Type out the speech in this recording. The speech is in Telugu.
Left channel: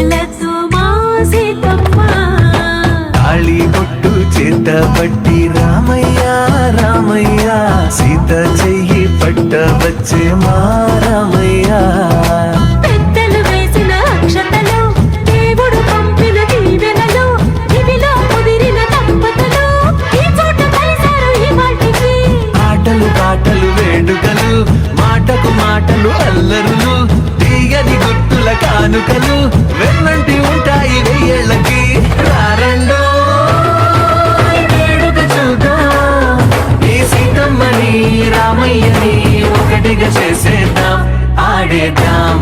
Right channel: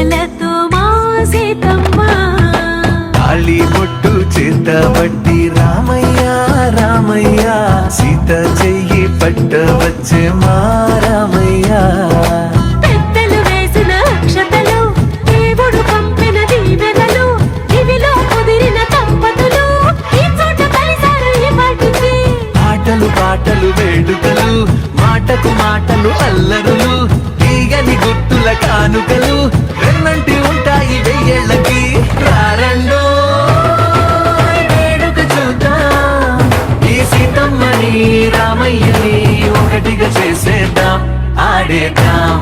పూజలతో మా సీతమ్మ తాళి బొట్టు చేత బట్టి రామయ్య రామయ్య సీత చెయ్యి పట్ట వచ్చే మా రామయ్య పెద్దలు వేసిన అక్షతలు దేవుడు పంపిన దీవెనలు ఇవిలో కుదిరిన దంపతులు ఈ చోట కలిసారు ఈ వాటికి ఆటలు పాటలు వేడుకలు మాటకు మాటలు అల్లరులు తీయని గుర్తుల కానుకలు వెన్నంటి ఉంటాయి వెయ్యేళ్ళకి రారండో వేడుక చూద్దాం ఈ సీతమ్మని రామయ్యని ఒకటిగా చేసేద్దాం ఆడేద్దాం